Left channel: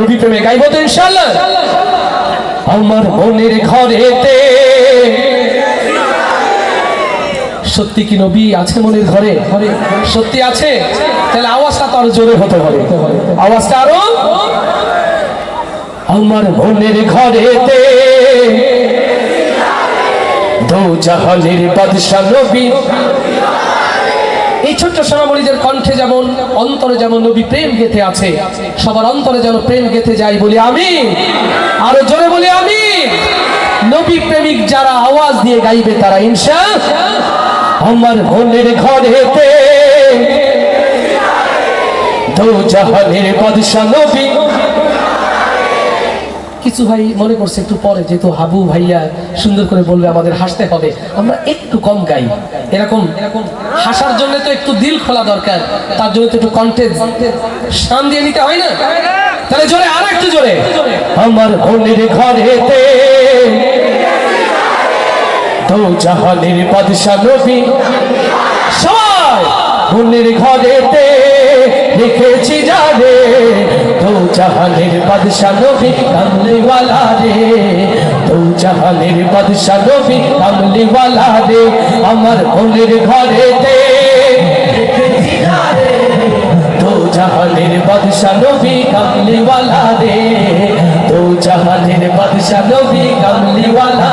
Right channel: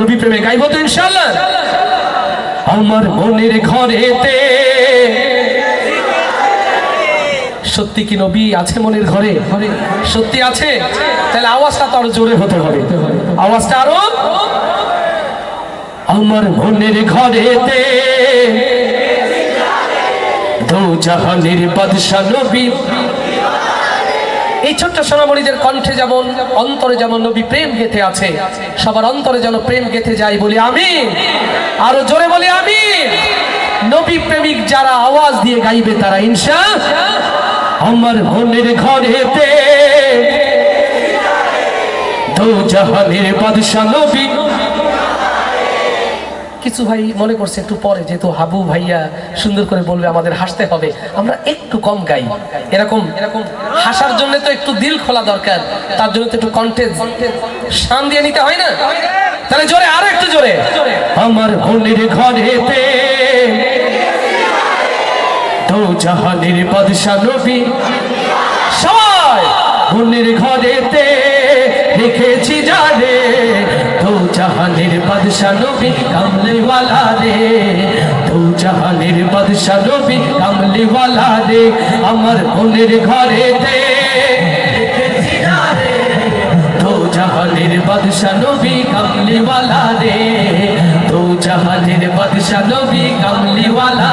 নবী প্রেমে গাইব তো ইনশাল্লাহ আমার মনের ঘরেতে। সত্যি কি নবী আছে মনের ঘরে? ঘরে সত্যি আছে? তাহলে আওয়াজটা তো আরও জোরে হতে হবে আওয়াজটা আরও? আমার মনের ঘরেতে। দো জাহানের বাদশা নবী এই ছোট্ট সোনামণিদের কণ্ঠে যেমন অন্তরে যেমন নবী প্রেম গেথে আছে, সবার অন্তরে যেন প্রেম গেথে যায় বলি আমি আরও জোরে বলি আমি নবী প্রেমিক যারা আওয়াজ দিয়ে গাইবে তারা ইনশা আমার মনের ঘরেতে দো জাহানের বাদশা নবী কিছু ভাই মনে করছে একটু পরে, যেহেতু হাবু ভাইয়া সুন্দর করে বলবে আমাদের হাসতে হবে। আমরা একটু কম গাই। এরকম হাসার জন্য তো একটু দিল খোলা দরকার। তার জন্য তো একটু কন্টেন্ট শান দিয়ে নিতে হয় না? তাহলে জোরে, আর একটু জোরে। আমার মনের ঘরেতে তো জাহানের বাদশা নবী সবাই মনের ঘরেতে লিখেছি তো জাহানের বাদশা নবী কামলিওয়ালা রে। তো জাহানের বাদশা নবী কামলিওয়ালা রে, আমার বোনের ঘরে দে। জাহানের বাদশা নবী কামলিওয়ালা রে। তো জাহানের বাদশা নবী কামলিওয়ালা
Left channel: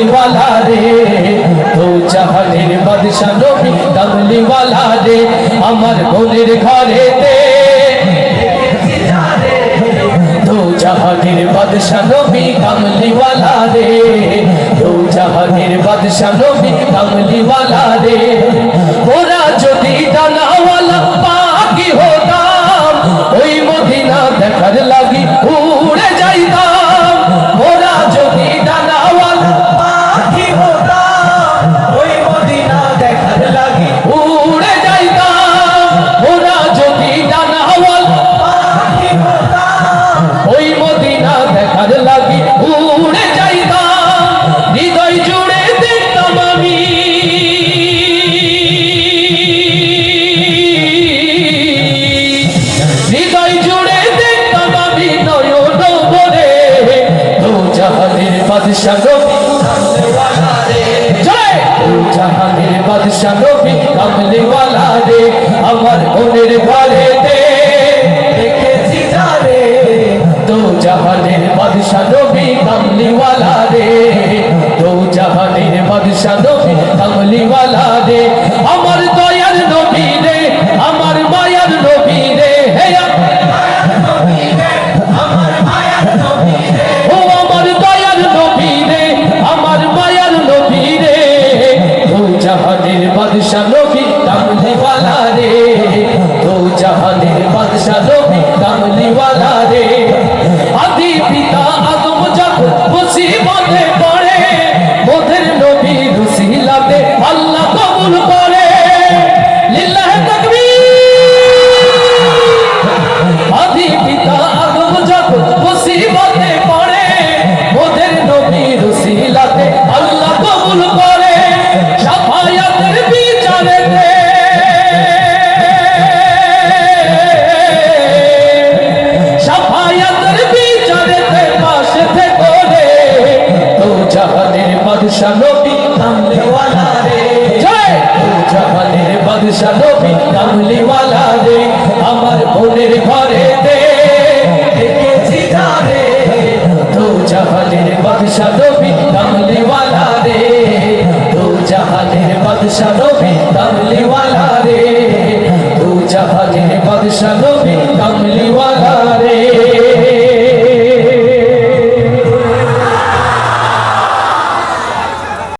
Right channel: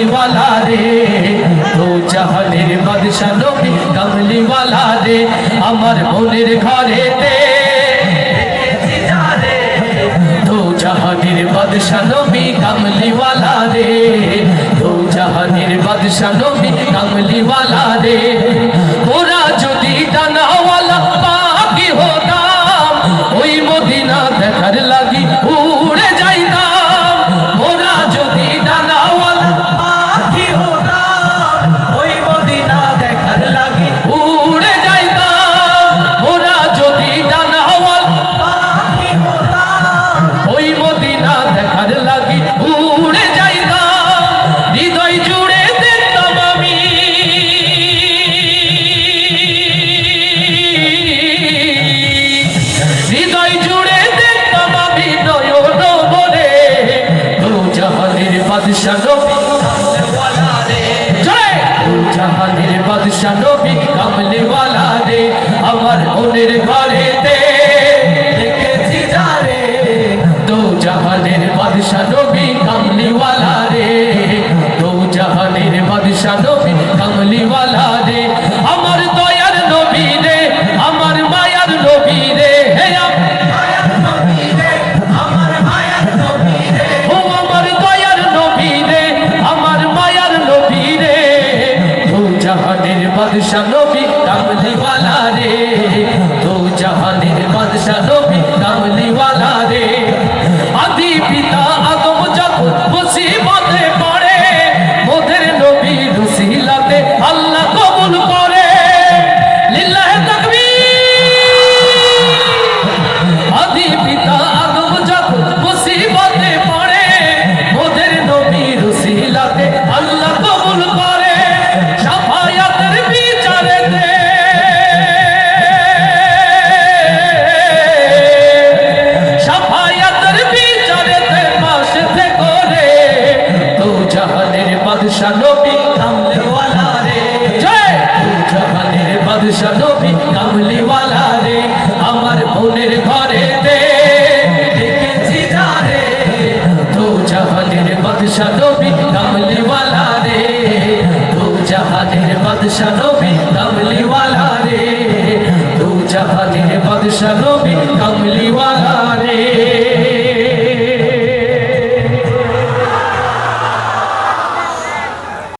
কামলিওয়ালা রে তো জাহানের বাদশা নবী কামলিওয়ালা রে, আমার মনের ঘরেতে। তো জাহানের বাদশা নবী কামলিওয়ালা রে তো জাহানের বাদশা নবী কামলিওয়ালা রে। হৃদয় জুড়ে দেখতাম আমি। হৃদয় জুড়ে দেখতাম আমি নয়ন ভরে। দু জাহানের বাদশাহ জাহানের নবী বাদশা নবী কামলিওয়ালা রে। জয়! জাহানের বাদশা নবী কামলিওয়ালা রে। আমার মনের ঘরে দে। দেখেছি যারে তো জাহানের বাদশা নবী কামলিওয়ালা রে। তো জাহানের বাদশা নবী কামলিওয়ালা রে। তো জাহানের বাদশা নবী